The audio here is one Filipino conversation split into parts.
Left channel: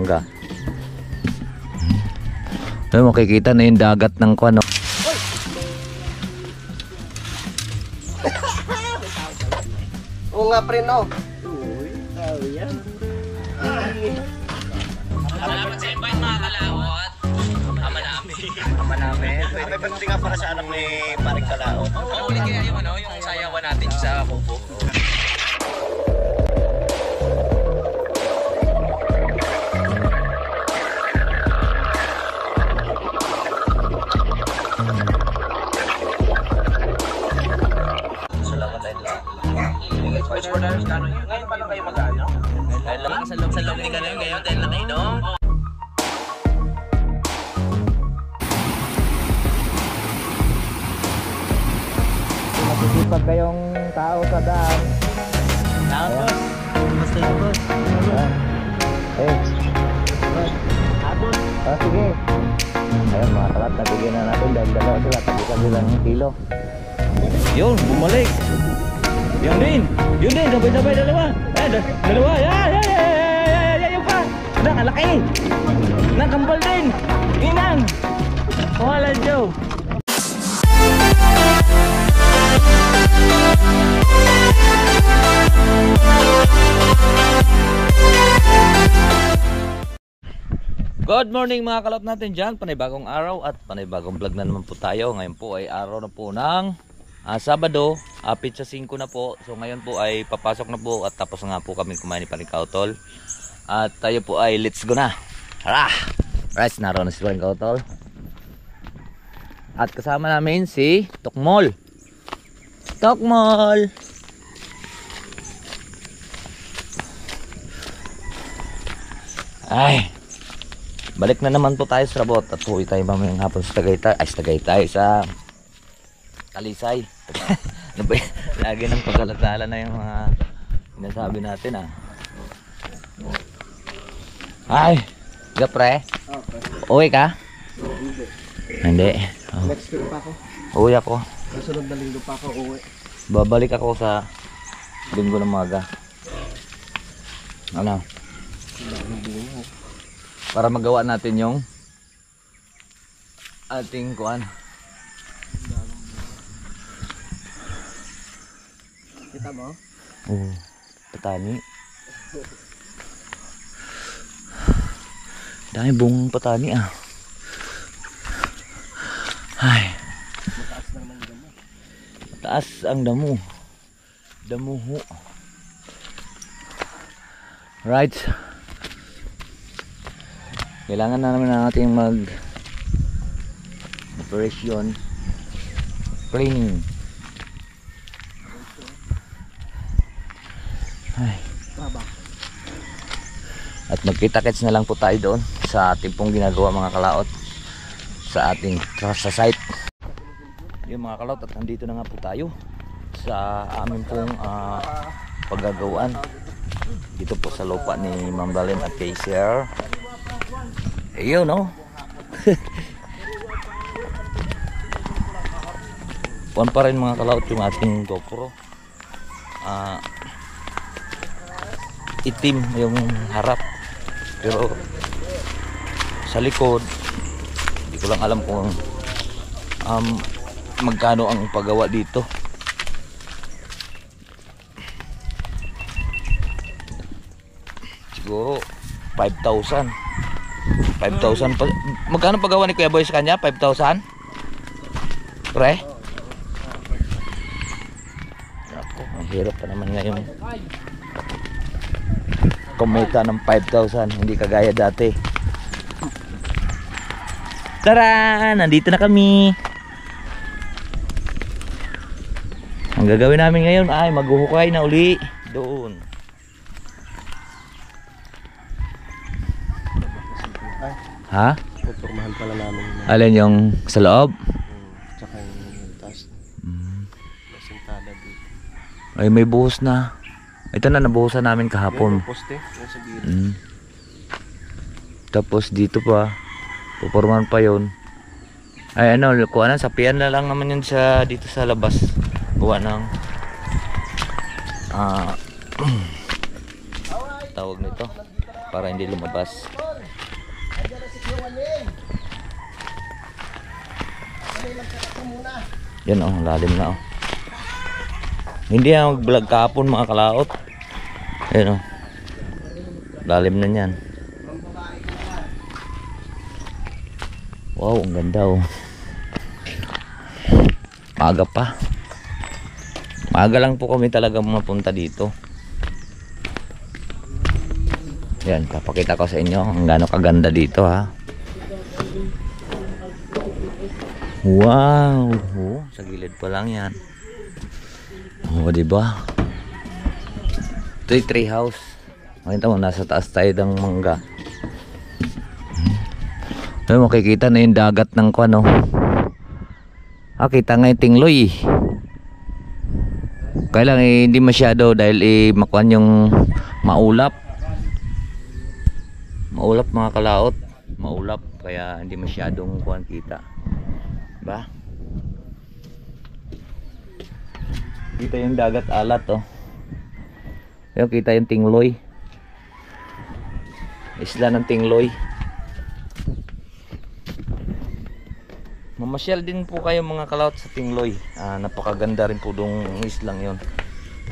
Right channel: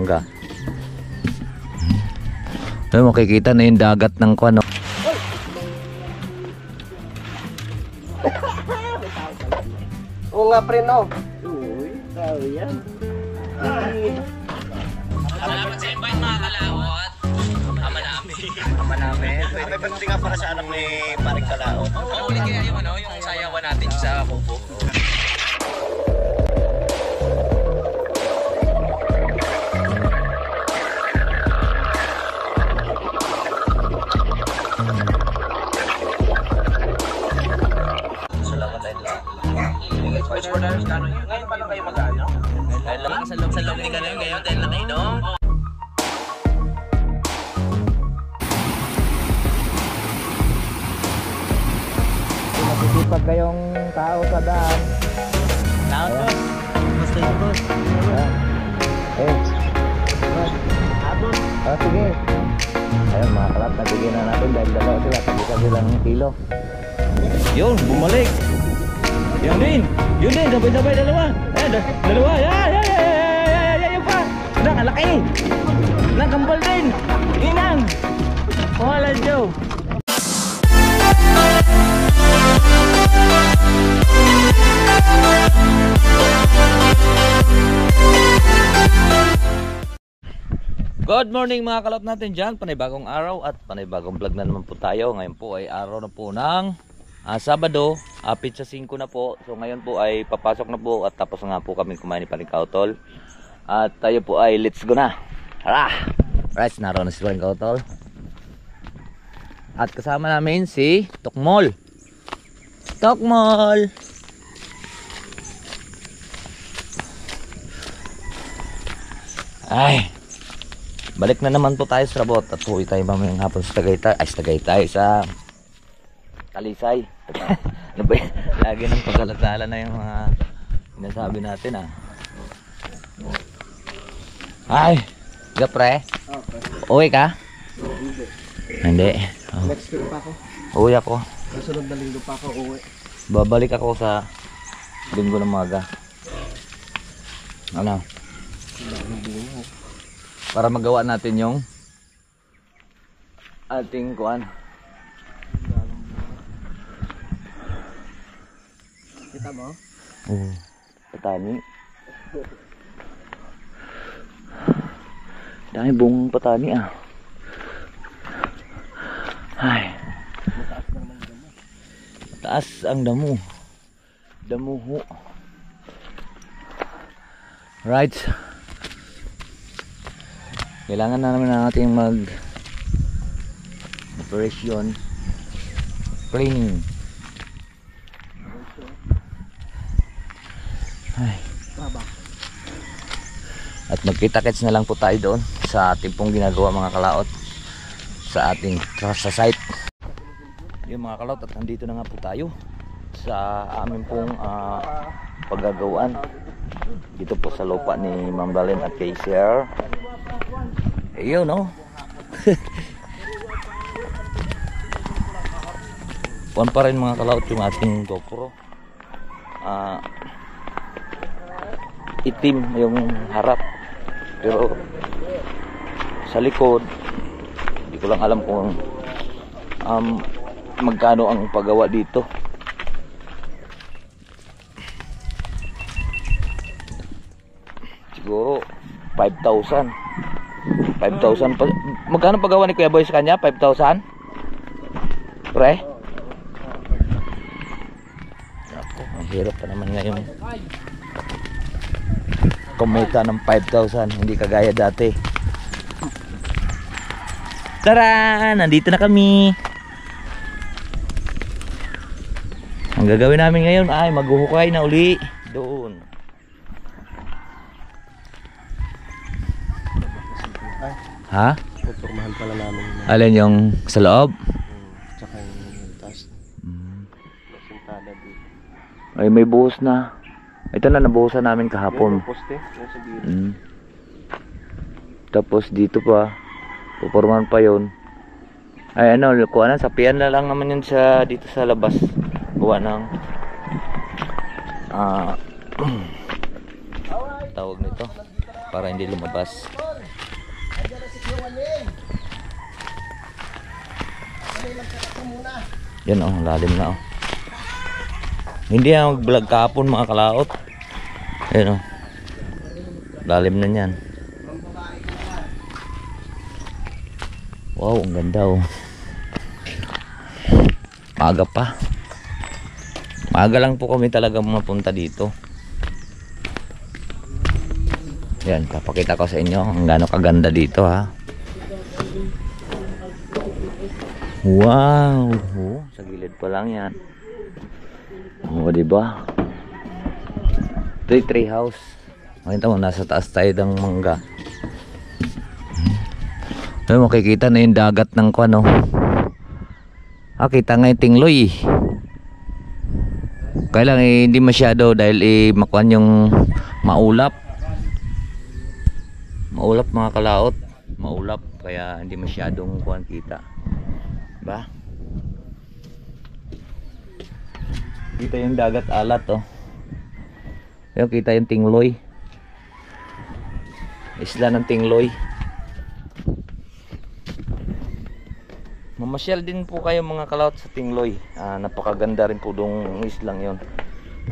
mangga. Ayun, makikita na yung dagat ng kuwan, no? Oo nga pre, no? Uy, tao yan. Salamat sa invite mga kalawot. Ama namin. May pagdating nga para sa anak ni Paring Kalao. Ulit kaya yung ano, yung sayawan natin sa kubo. Ngayon pa lang kayo mag-ano? Dahil lang sa loob ni Kanoy ngayon dahil nakainom. Masisipag kayong tao sa daan. Tapos, basta yun boss. Eh, Tapos, sige. Ayun mga kalat, nabigyan na natin dahil dalawa sila, tagisan silang kilo. Yun, bumalik. Yung din, sabay-sabay dalawa. Dalawa, yung pa. Ang laki. Nakambal din. Inang. Wala, Joe. Good morning mga kalot natin dyan. Panibagong araw at panibagong vlog na naman po tayo. Ngayon po ay araw na po ng Sabado, pizza 5 na po. So ngayon po ay papasok na po at tapos na nga po kami kumain ni Paring Kautol. At tayo po ay let's go na. Tara! Right, naroon na si Paring Kautol. At kasama namin si Tokmol. Tokmol! Ay! Balik na naman po tayo sa rabot at uwi tayo mamayang hapon sa Tagaytay sa Talisay. Lagi ng pagkalatala na yung mga sinasabi natin Ay, gapre? Uwi ka? Hindi. next week pa ako. Uwi ako. Kasunod na linggo pa ako uwi. Babalik ako sa linggo ng maga. Ano? Para magawa natin yung ating kuan. Kita mo? Oo, patani. Dami bungang patani Ay. Mataas ang damo. Damuho. Right. Kailangan na naman natin mag operation training. Ay. At magkita-kits na lang po tayo doon sa ating pong ginagawa mga kalaot sa ating sa site. Yung mga kalaot, at nandito na nga po tayo sa aming pong paggagawaan dito po sa lupa ni Ma'am Dalen at kay Sir. Ayun, no? Puan pa rin mga kalaot yung ating GoPro. Itim yung harap, pero sa likod hindi ko lang alam kung magkano ang paggawa dito. Siguro 5,000 pa. Magkano paggawa ni Kuya Boy sa kanya? 5,000? Pre? Ako, ang hirap pa naman ngayon kumita ng 5,000, hindi kagaya dati. Tara! Nandito na kami. Ang gagawin namin ngayon ay maghuhukay na uli doon. Ha? Pupormahan pala namin. Alin yung sa loob? Tsaka yung taas. Masintada dito. Ay, may buhos na. Ito na nabuhusan namin kahapon. Poste, nasa gilid. Tapos dito pa pupormahan pa yon. Ay ano, kuha na, sapian na lang naman yun sa dito sa labas. Kuha ng tawag nito para hindi lumabas. Yan oh, lalim na oh. Hindi na mag-vlog kahapon mga kalaot. Ayan oh. Lalim na yan. Wow, ang ganda oh. Maaga pa. Maaga lang po kami talaga mapunta dito. Yan, papakita ko sa inyo ang gaano kaganda dito ha. Wow, oh, sa gilid pa lang yan. Oh, di ba? Ito yung tree house. Makita mo, nasa taas tayo ng mangga. Ay, makikita na yung dagat ng kwano. Ah, kita nga yung tingloy. Kaya lang hindi masyado dahil makuan yung maulap. Maulap mga kalaot. Maulap kaya hindi masyadong kuan kita. Ba? Kita yung dagat alat oh. Ayun, kita yung tingloy. Isla ng tingloy. Mamasyal din po kayo mga kalaot sa tingloy. Napakaganda rin po dong islang yon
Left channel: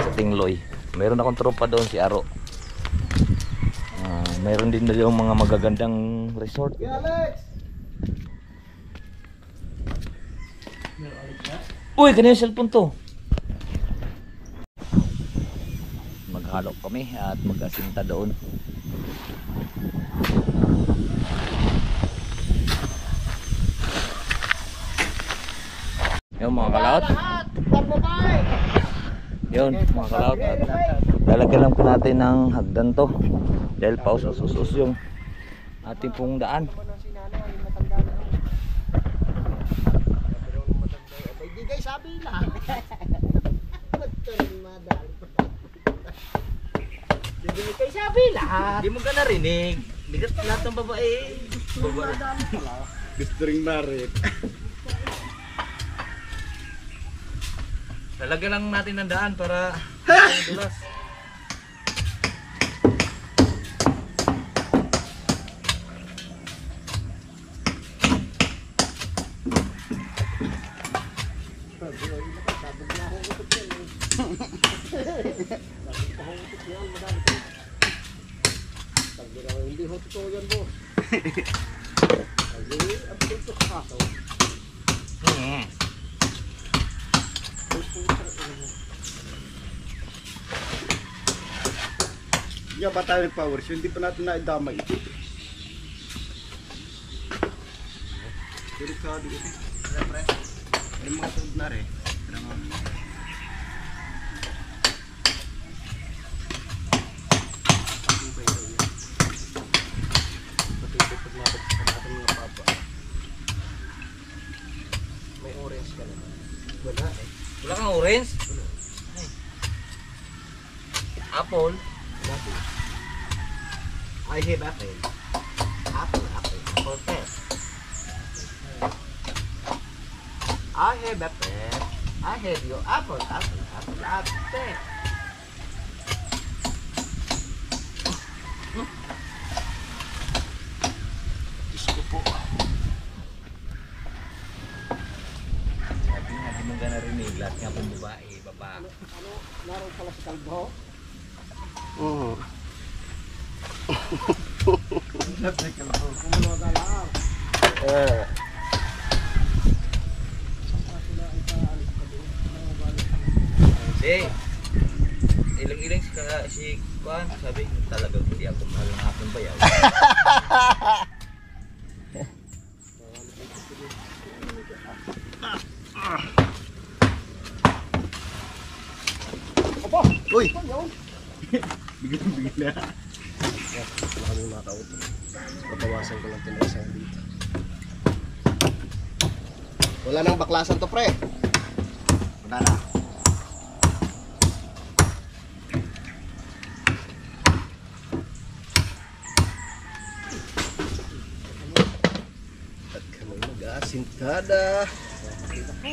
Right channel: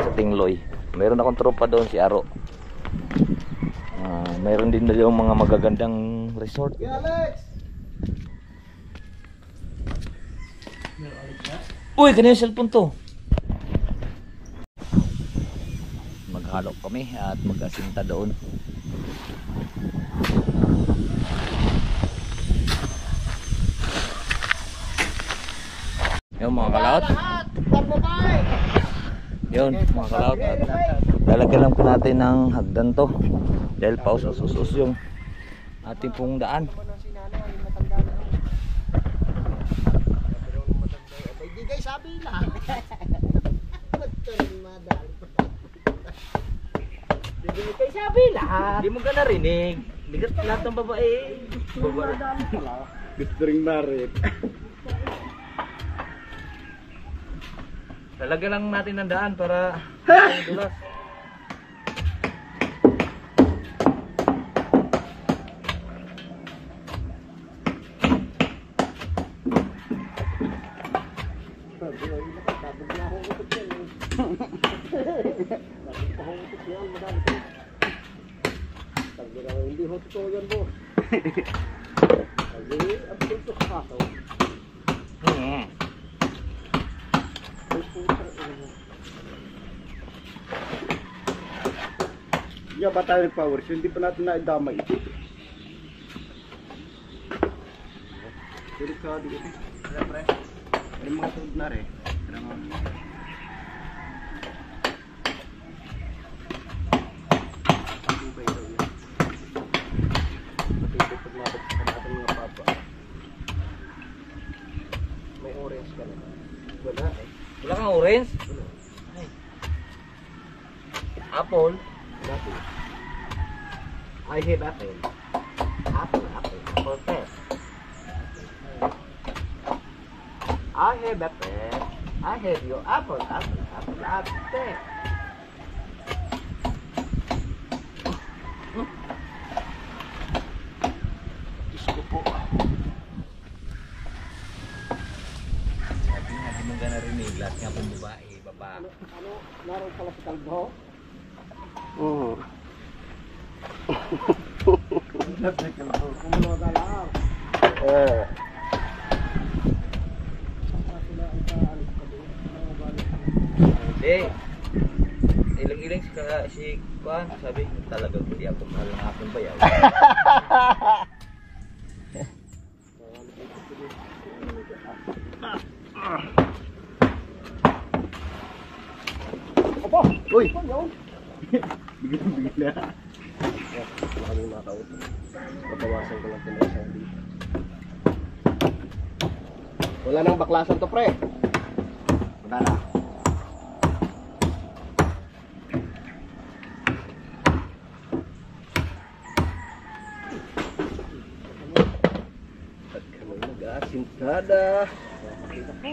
sa tingloy. Mayroon akong tropa doon si Aro. Mayroon din doon mga magagandang resort. Uy, kanina yung cellphone to. Maghalo kami at mag-asinta doon. Yung mga kalaot. Yun mga kalaot. Lalagyan lang po natin ng hagdan to. Dahil pausos-usos yung ating pong daan. Sabi na. Hindi kayo sabi lahat. Hindi mo ka narinig. Hindi ka lahat ng babae. Gusto ring marit. Lalagyan lang natin ng daan para dulas. Hindi ho totoo yan, boss. Kasi, ang pinto sa kaso. Yan ba tayo nag-power show? Hindi pa natin naidamay ito. Tulik ka dito. Siyempre, may mga tuod na rin. Wala kang orange? Apple? I have apple. Apple. Apple test. I have apple. I have your apple. Apple. Gusto po. Sabi nga, di mo ka narinig. Lahat nga pong babae, baba. Ano, naroon pala sa kalbo? Oo. Ilang-ilang si Kuan, sabi talagang hindi ako mahal ng aking bayaw. Opo! Uy! Bigla. Wala mong nakauto. Patawasan ko lang tinasa dito. Wala nang baklasan to, pre. Wala na. At kami mag-asintada.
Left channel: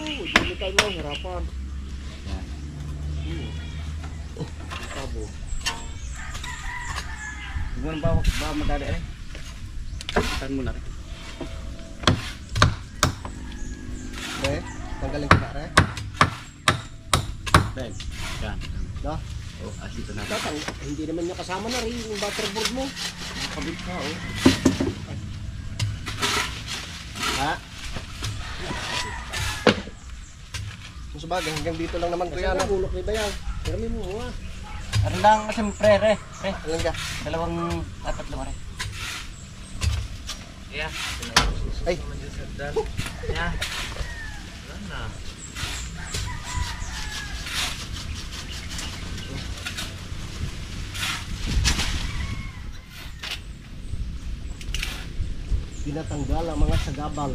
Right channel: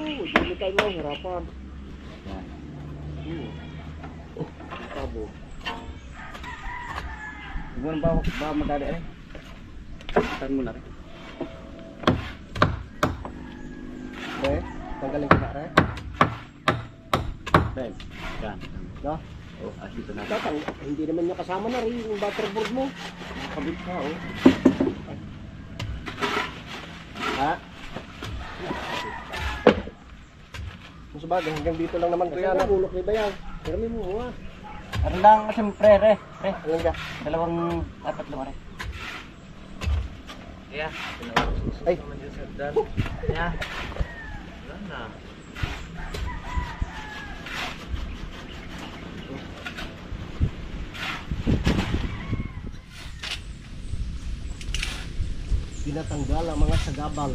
Hindi tayo mahirapan. Tabo. Huwag mo ba madali rin? Saan mo na rin? Okay, tanggalin ko na re. Ben, yan. No? Oh, asito na. Hindi naman niya kasama na rin yung butterboard mo. Kabit ka, oh. Ha? Kung sabagay, hanggang dito lang naman kuya. Kasi bulok ni Bayang. Pero may muha. Ano lang, siyempre, re. Alam ka? Dalawang, apat lang, re. Yeah. Ay. Yeah. Wala na. Pinatanggal ang mga sagabal.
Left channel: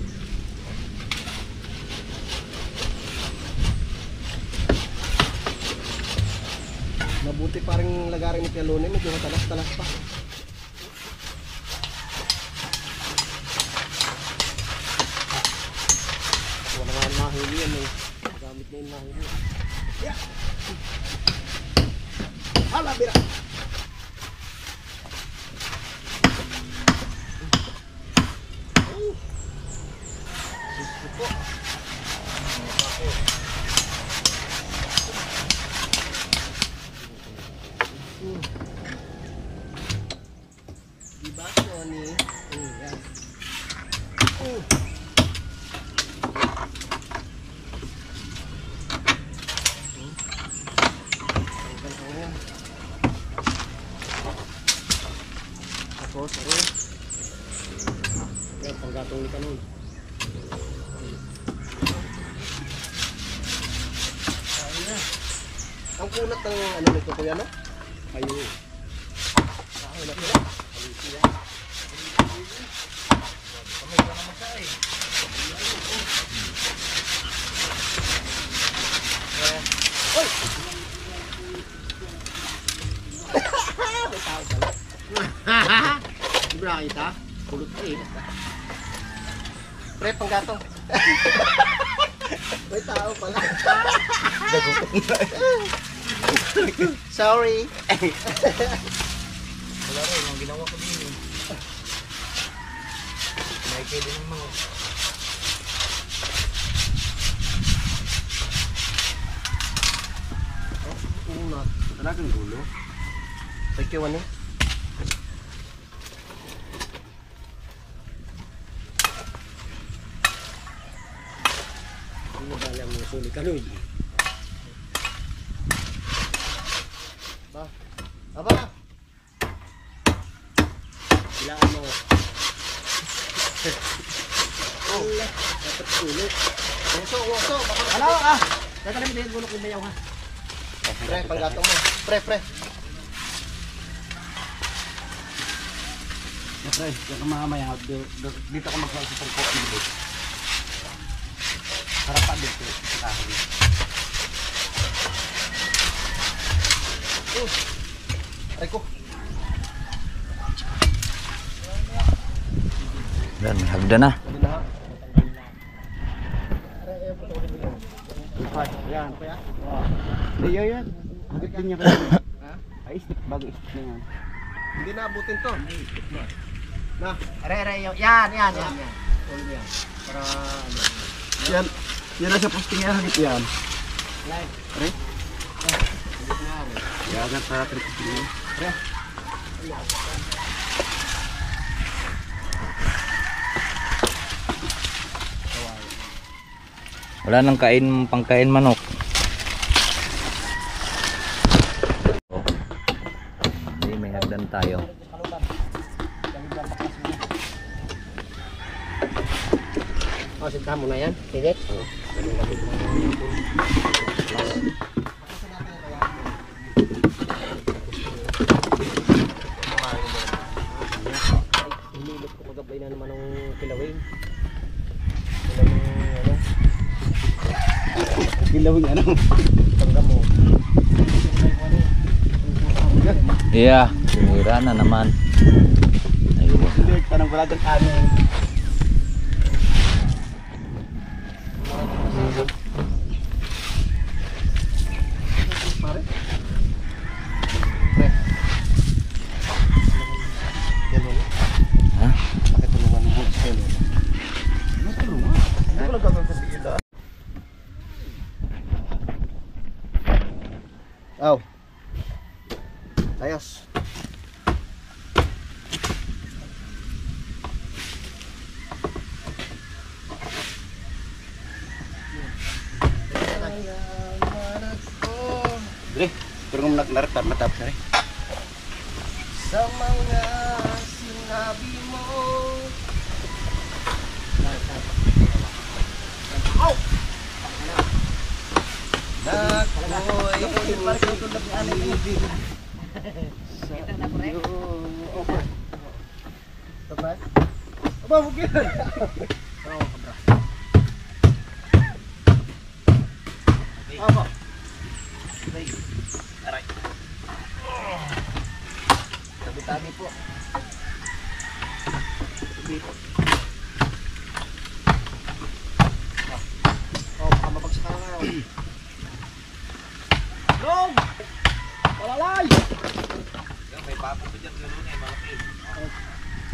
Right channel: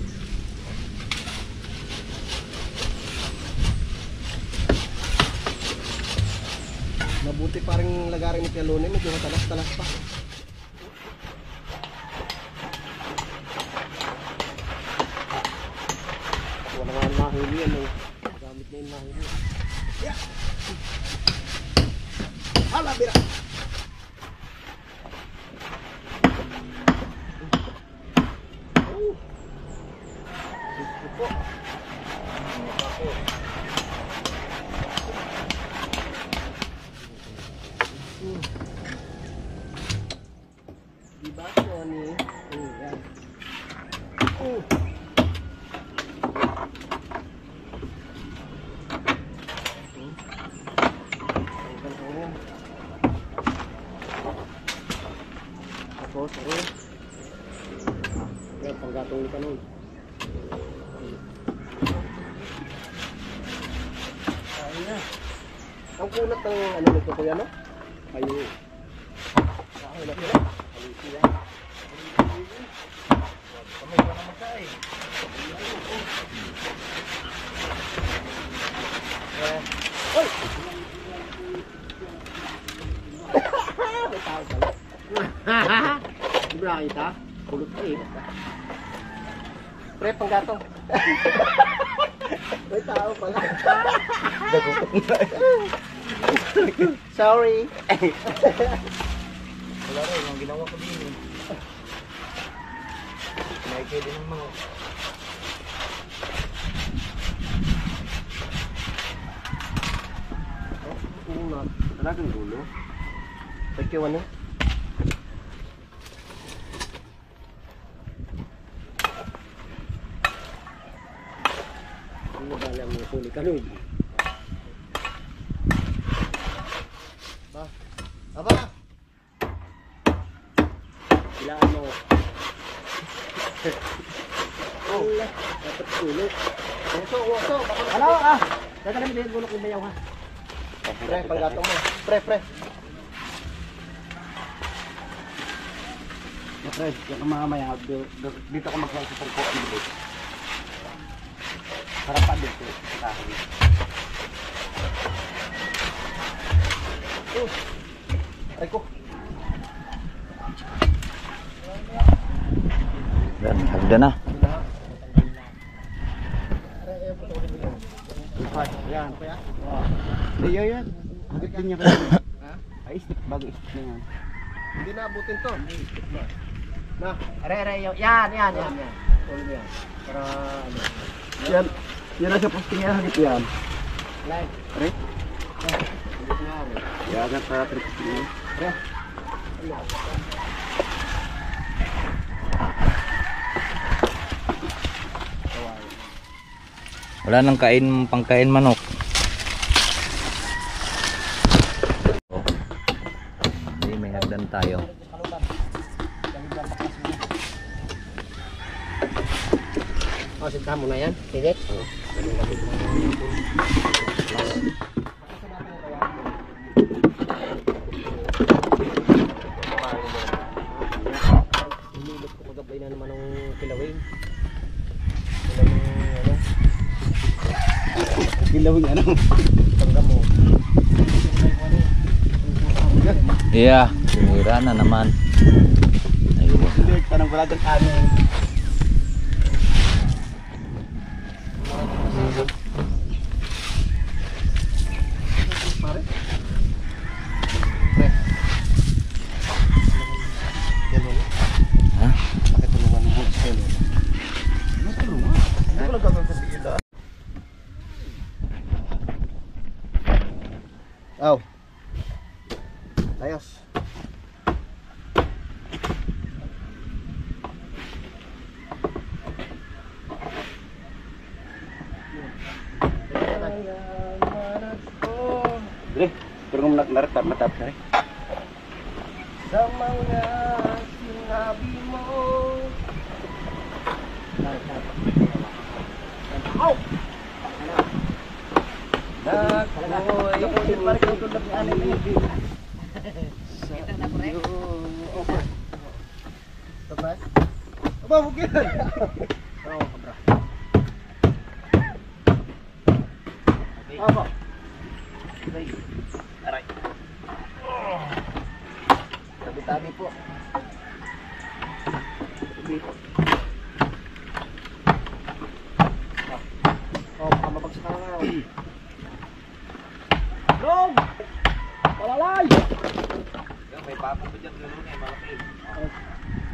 Mabuti pa rin lagarin ni Pialone, medyo matalas-talas pa. Wala nga nahuli yan eh. Gamit na yung nahuli. Yeah. Hala, bira! Diba, Tony? Yan. Tapos, ano? Yan, panggatong ni Kanon. Ayun na. Ang kunat ng ano nito, kuya, no? Ayun. Ayun na sila. Oy! May tao pala. Di ba nakita? Kulot ka eh. Pre, panggatong. May tao pala. Sorry. Wala rin, ang ginawa ko din yun. Nakikita din ng mga. Unat. Talagang gulo. Pagkiwan eh. Ano ba lang mo sulit ka nun? Ba? Aba! Ilaan mo. Oh, dapat sulit. Woso. Ano ka? Dadala mo din gulok ng bayaw ha. Pre, panggatong mo. Pre. Pre, yung mamaya, dito ka magsalsa sa ko dito. Para pa dito sa kahoy. Aray ko. Dan, hagda na. Yan. Kuya? Iyo yan. Hagit din niya kayo. Ha? Ay, stick bago stick na yan. Hindi na abutin to. Na. Are, yan. Tuloy mo yan. Para ano. Yan. Yan na sa posting yan, hagit yan. Live. Are? Hindi na rin. Yan na para trip posting yan. Pre. Wala nang pangkain manok. Hindi, may hagdan tayo. Sinta mo na yan. Sige. Hinilip ko kagabay na naman ng kilawin. Gilawin ano? Tangga mo. Yeah, sinira na naman. Ayun. Hindi, parang wala dyan kanin. Pare. Pre. Yan mo. Ha? Pakitulungan mo sa yan. Ano tulungan? Hindi ko lang gagawin sa bigila. naretar matapos na rin. Sa mga sinabi mo. Ow! Ako'y tulad ni Anay Baby. Sa iyo. Okay. Tabra? Aba, huwag yan. Oo, kabra. Aba. Aray. Tabi-tabi po. Tabi po. Baka mabagsak ka na nga. Long! Palalay! May papo ko dyan, gano'n eh, malaki.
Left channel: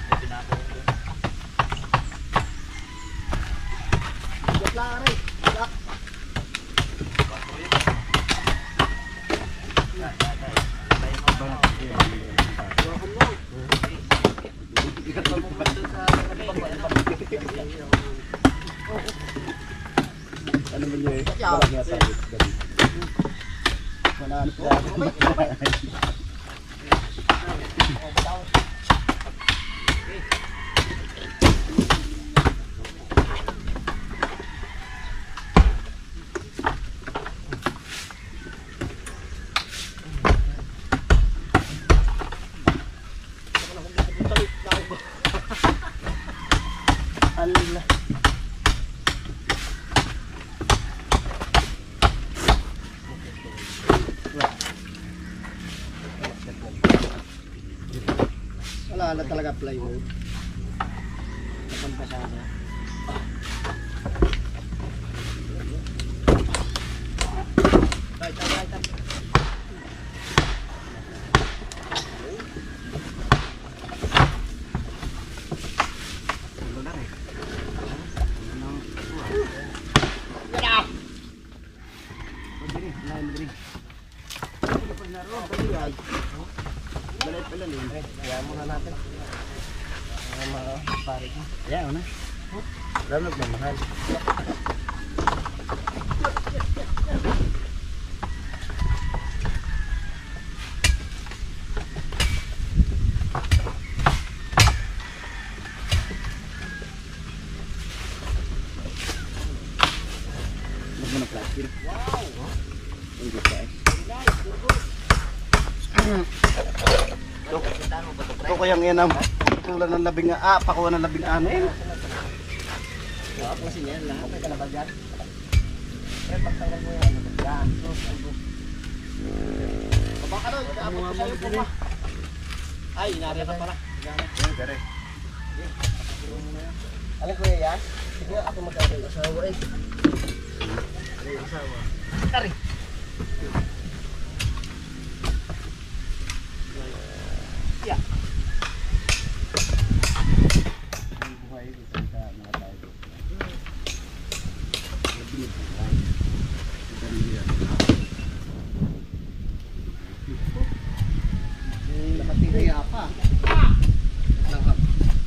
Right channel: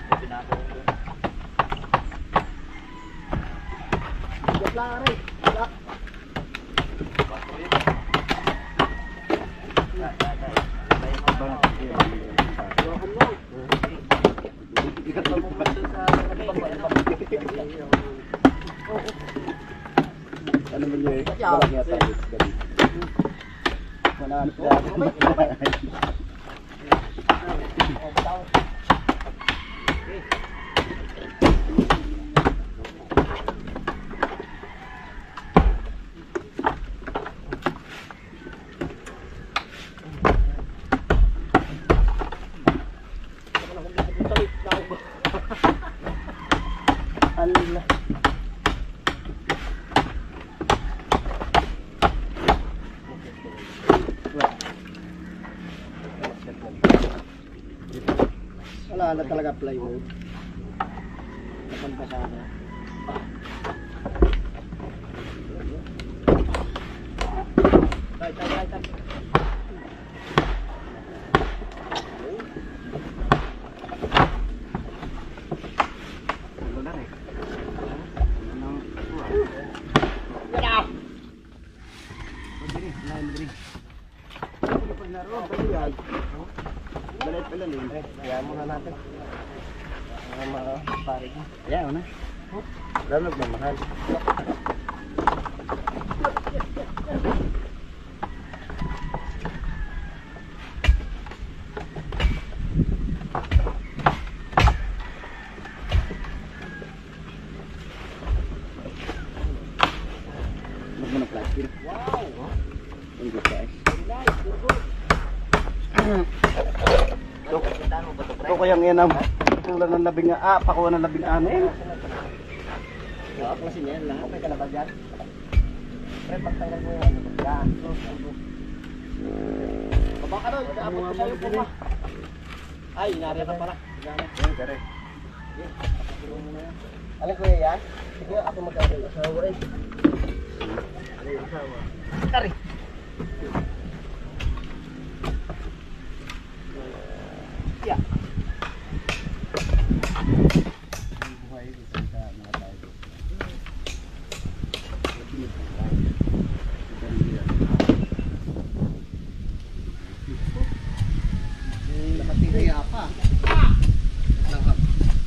May pinako ko doon. Bigat lang, Aray. Bigat. Ano ba niya? Walang yata. Wala ano pa. Allah. Wala na talaga plywood. Napampasada. Right. Kaya muna natin. Mga pare ko. Kaya na. Lalo nagmamahal. Magmana plastic. Wow! Ang ganda eh. Ito kayang yan ang patulan ng pakuha ng 16. Ako kasi niyan lang. Okay ka na ba dyan? Pre, pagtanggal mo yan. Yan. Baba ka doon. Kaabot ko sa'yo po pa. Ay, inari na pala. Yan, kare. Alam ko yan? Sige, ako mag-abay. Asawa eh. Asawa. Kari. Yeah. Buhay dito sa mga tao. Nakatihaya pa. Langhap.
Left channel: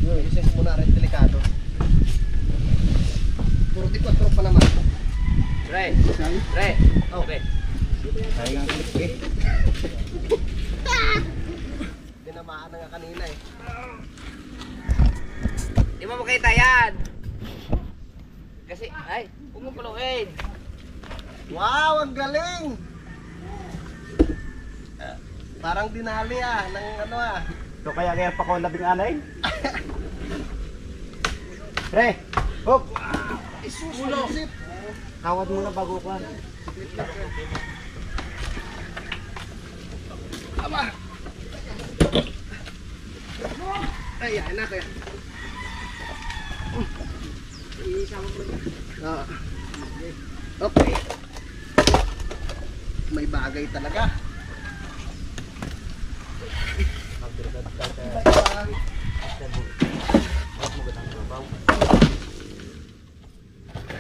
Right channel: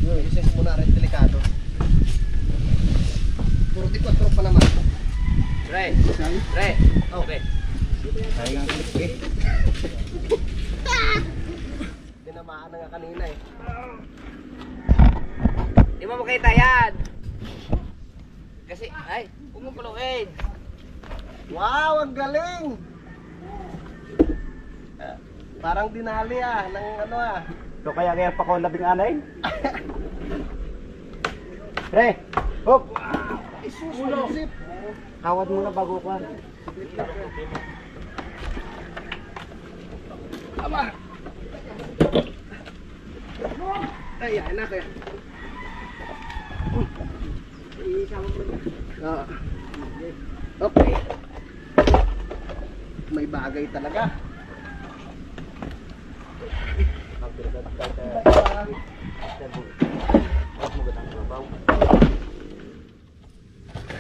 Yung isis mo na rin delikado. 44 pa naman. Pre! Okay. Kaya nga clip eh. Tinamaan na nga kanina eh. Di mo makita yan! Kasi, ay, huwag mo puluin! Wow, ang galing! Parang dinali ng ano ah. So kaya pa ko 16. Pre! Hop! Isusip! Kawad muna bago ko. Aba! Ay, yan na kaya. Isama mo na. Okay. May bagay talaga.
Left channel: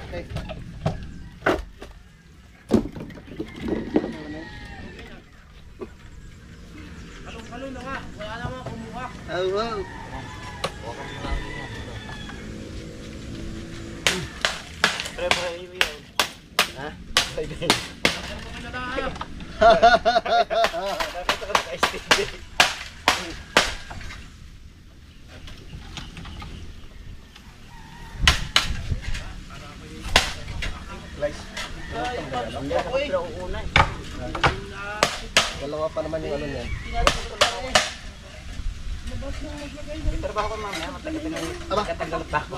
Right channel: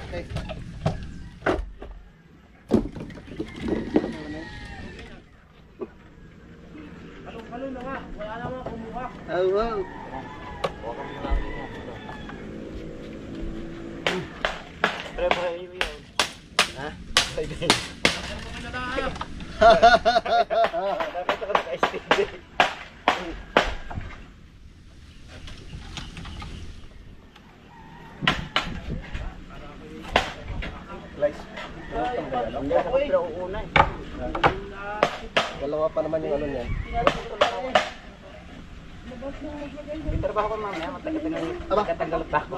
Okay. Halo na nga, wala naman kumuha. Oh, wow. Pre, yun. Ha? Hindi ako pero uunay. Dalawa pa naman yung ano niyan. May trabaho ko mamaya, matagal pa ako.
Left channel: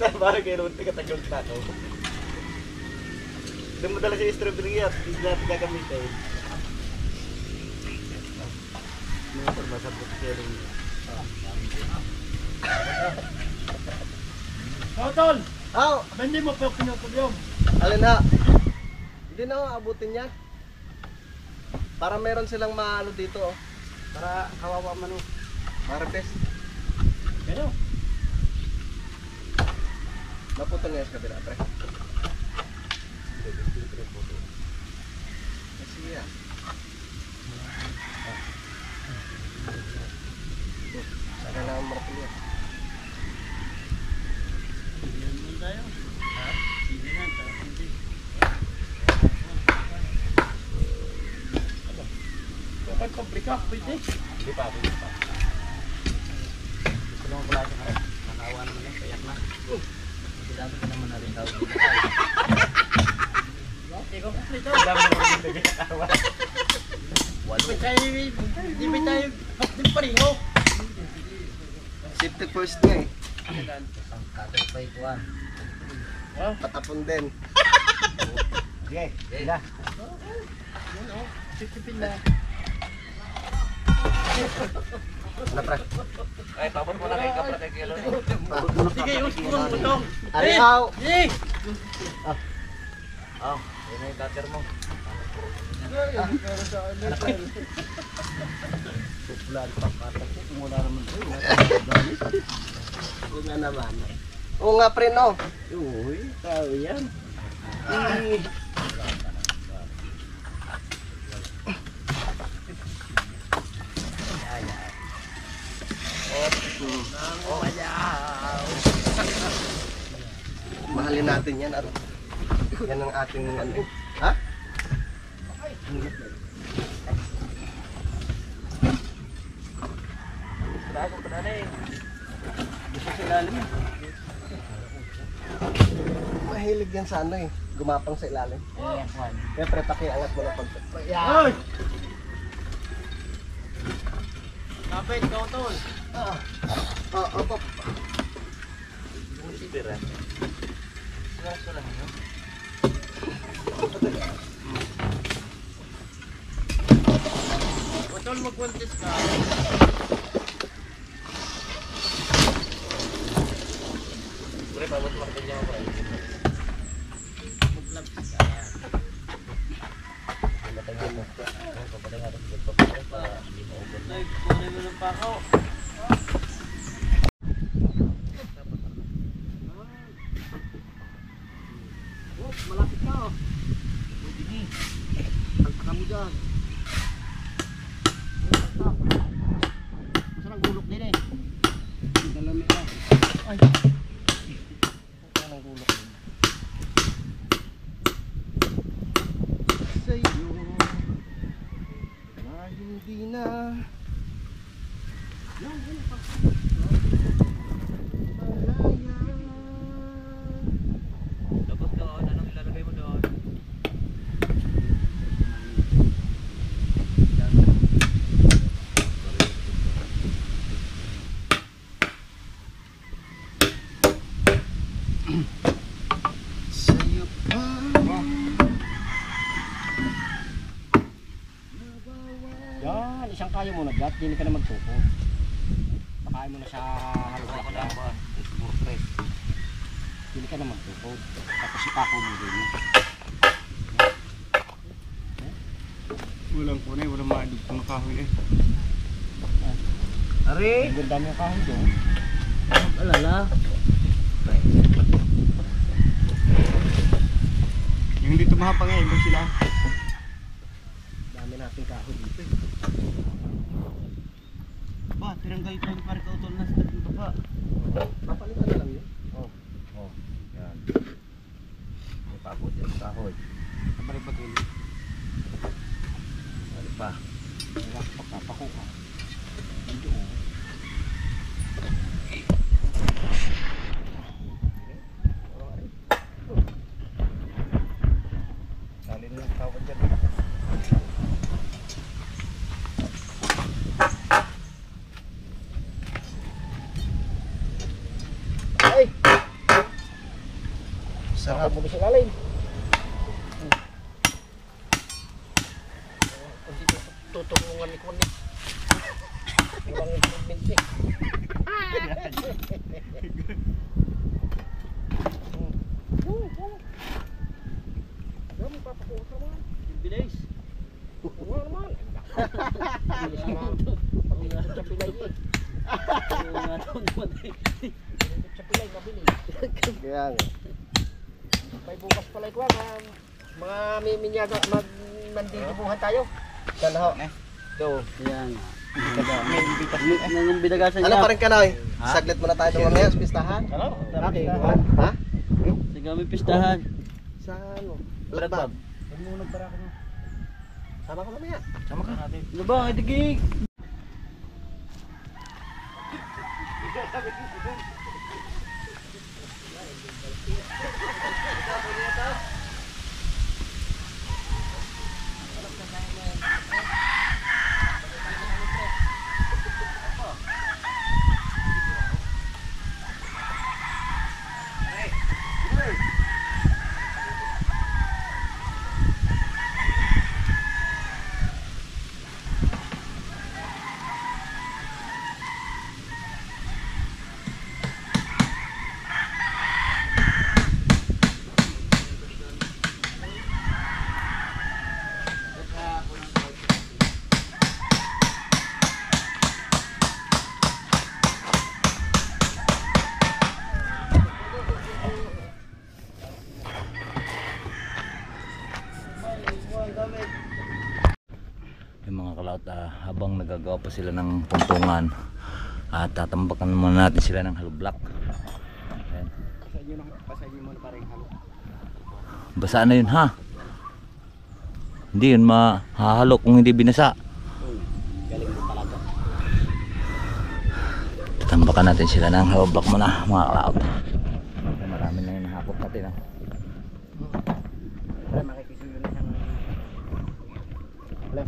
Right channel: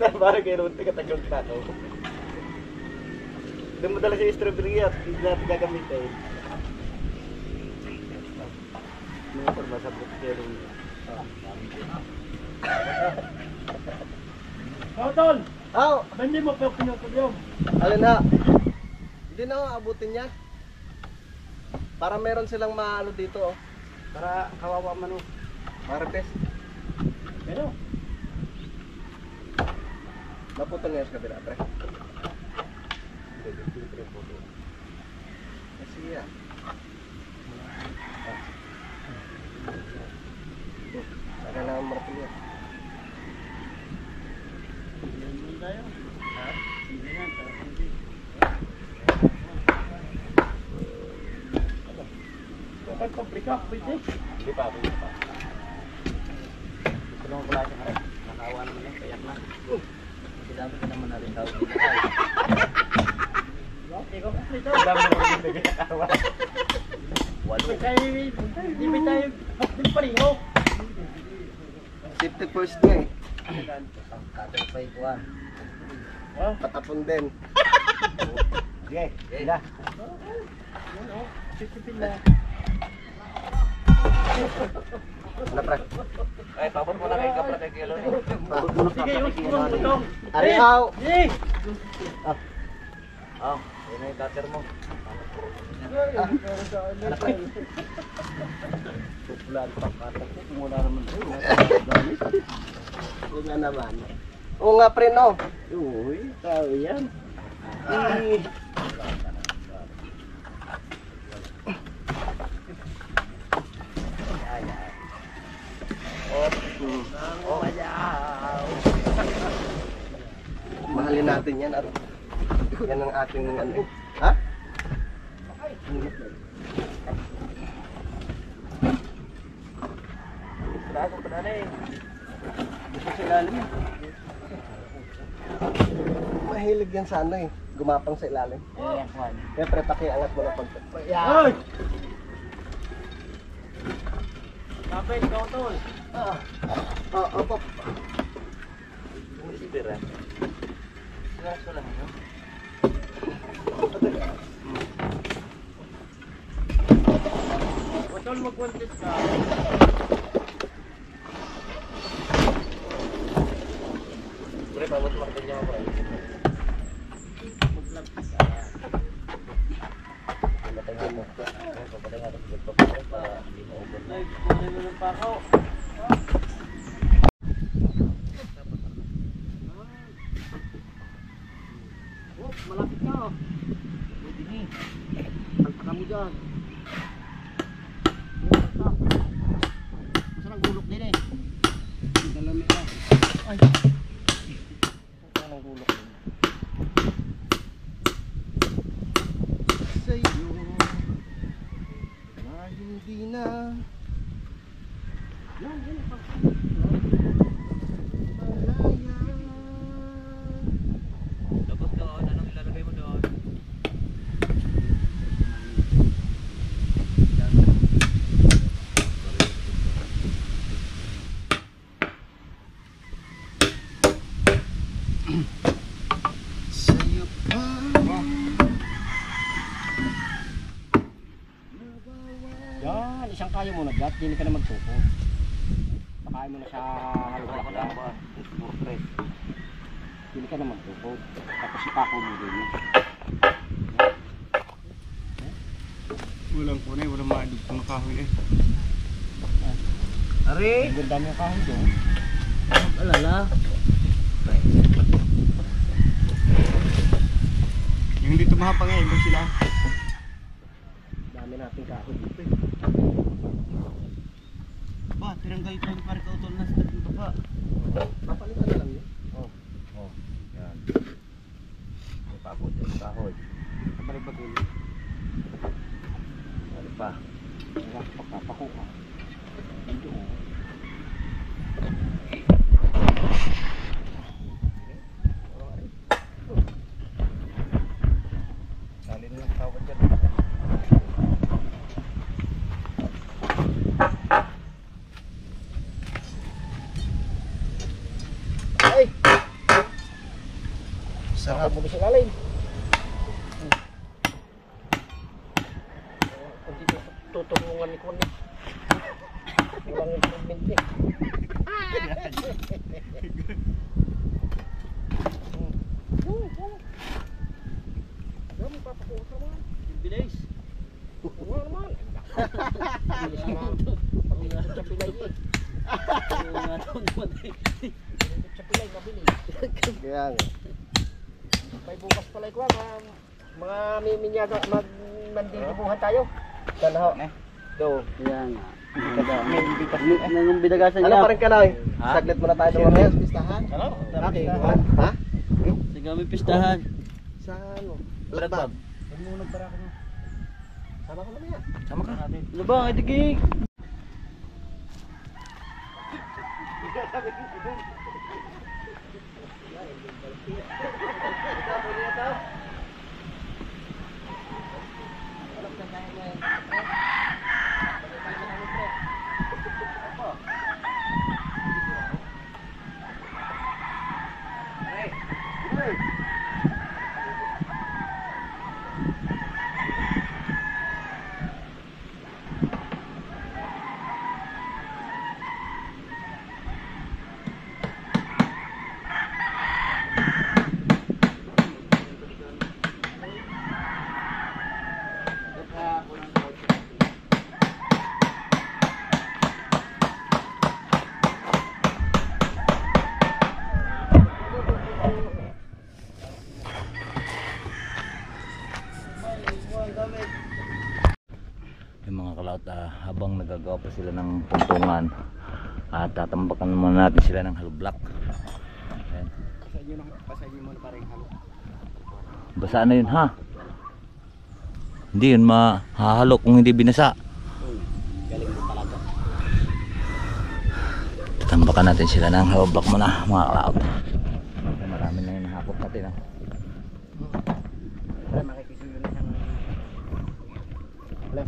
Saan ba kayo naman tagatagol pa ako? Doon mo dala siya yung strawberry at hindi natin gagamitin. Motor ba sa butkero niya? Tol! Aw! Hindi mo pa pinutulyong. Alin ha? Hindi na ako abutin yan. Para meron silang maano dito oh. Para kawawa man o. Martes. Ano? Naputol nga sa kabila, pre. Sige ah. Saka na ang martilyo. Kapag komplika, pwede. Hindi pa. Gusto naman pala sa harap. Nakawa naman eh, kayak na. Dami ka naman na rin tawag dito. Ikaw komplika. Dami naman din nagkakawa. Hindi ba tayo din pareho? Safety first nga eh. Katag pa ikuan. Patapon din. Sige, sila. Sisipin na. Ano pre? Ay, tapos mo na kay kapra kay kilo. Sige, yung siguro mo itong. Ari aw! Eh! Ah, yun yung cutter mo. Popular pa katag ko. Mula naman rin. Oo nga naman. Oo nga pre no. Uy, tao yan. Mahalin natin yan. Aro. Yan ang ating ano. Ha? Trago pa na rin. Gusto sa ilalim yan. Mahilig yan sa ano eh. Gumapang sa ilalim. Ayan, Juan. Kaya pre, pakiangat mo na pag... Hoy! Kapit, ikaw tol. Opo. Sibira. Siraso lang yun. Tol, mag-contest ka. Pre, pabot martilyo mo, pre. Patay mo. Papatay nga rin. Papatay para hindi mo over na. Kunin mo ng pakaw. Oh, malapit ka oh. Pagpaka mo dyan. Masarang gulok din eh. Dalami ka. Ay. Anong gulok din? Sa'yo na hindi na Tapos doon, anong ilalagay mo doon? sa'yo pa. Yan, isang kayo mo na gat. Hindi ka na magtuko. Pakain mo na sa halulak Wala lang. ba? Pre. Hindi ka na magtuko. Tapos ipako mo din. Walang kunay, walang maadog pang kahoy eh. Ari! Ang ganda mo yung kahoy doon. Alala. Yung dito mahapang eh, ibang sila. Dami natin kahoy dito. Ba, tiranggal ko yung parang kautol na sa tatlong baba. Papalitan na lang yun. Oh, yan. May pabot yung kahoy. Kabalik ba tuloy? Ano pa? Pagkapako ka. Dito oh. Sarap. Bubis ilalim. Kung dito tutulungan ni Kunik. Walang improvement eh. Dami papakuha ka naman. Bilis. Oo naman. Bilis naman. Pag-ikot sa pilay eh. Pag-ikot sa pilay, mabilis. Kaya nga. May bukas pala ikaw, mga miminyaga, mandidibuhan tayo. Saan ho? Ito. Yan. May invitation eh. Nang bidagasan Ano pa rin ka na eh? Saglit muna tayo doon ngayon sa pistahan. Ano? Okay, ha? Sige, may pistahan. Sa ano? Blagbag. Huwag mo nagbaraka mo. Sama ka mamaya. Sama ka. Ano ba? Ay, digig. Yung mga kalaot, habang nagagawa pa sila ng puntungan, tatambakan muna natin sila ng hollow block. Ayan. Pasayin mo na parang halo. Basa na yun ha. Hindi yun mahahalo kung hindi binasa. Galing mo talaga. Tatambakan natin sila ng hollow block muna mga kalaot. Marami na yung nahakot natin ha. Wala, makikisuyo na siyang... Wala.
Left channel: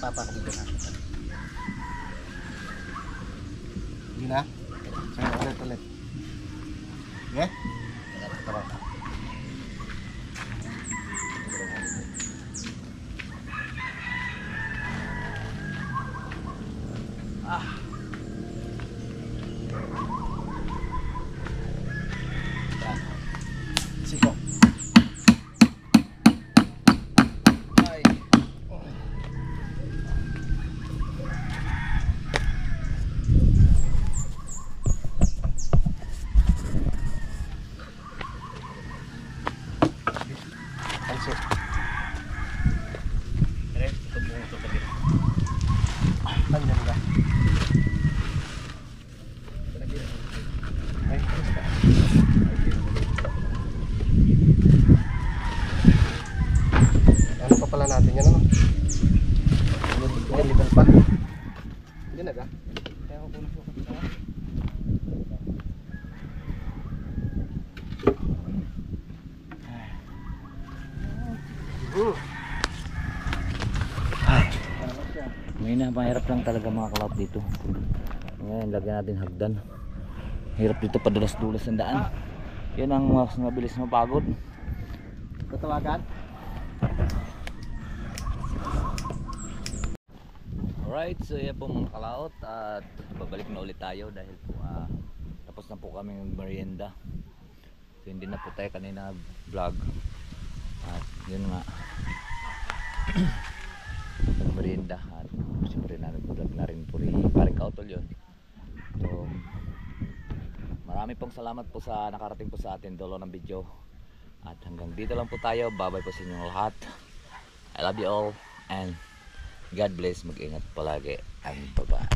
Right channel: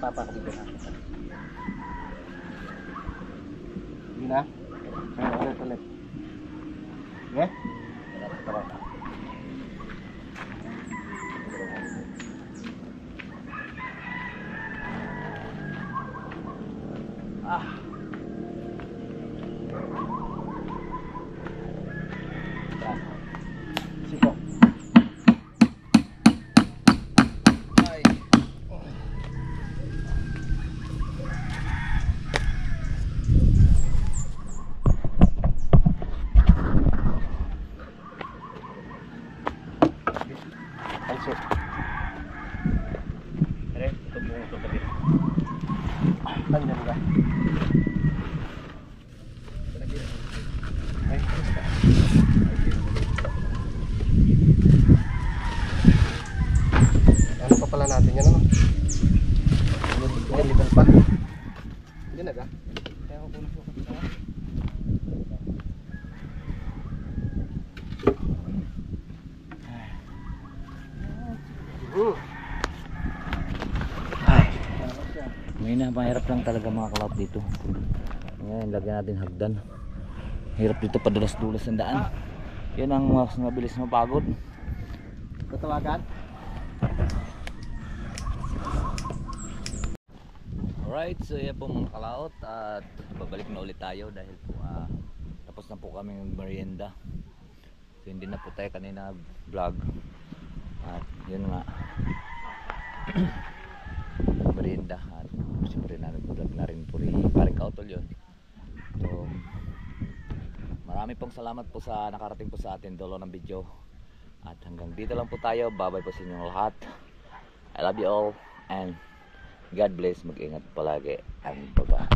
Papakabito na. Hindi na? Saan ulit? Okay? Tara. Siko. Pansit. Ere, ito buong ito lagi. Nandiyan ka. Ay, ano pa pala natin yan, ano? Yan, level pa. Hindi na ka? Kaya ako puno sa kapita. May mahirap lang talaga mga kalaot dito. Ngayon, lagyan natin hagdan. Hirap dito padulas-dulas ang daan. Yan ang mas mabilis mapagod. Tatawagan? Alright, so yan po mga kalaot. At babalik na ulit tayo dahil po tapos na po kami ng merienda. So hindi na po tayo kanina vlog. At yun nga. Merienda. At siyempre na nag-vlog na rin po rin. Parang kautol yun. So marami pong salamat po sa nakarating po sa atin dulo ng video. At hanggang dito lang po tayo. Bye bye po sa inyong lahat. I love you all and God bless. Mag-ingat palagi and bye bye.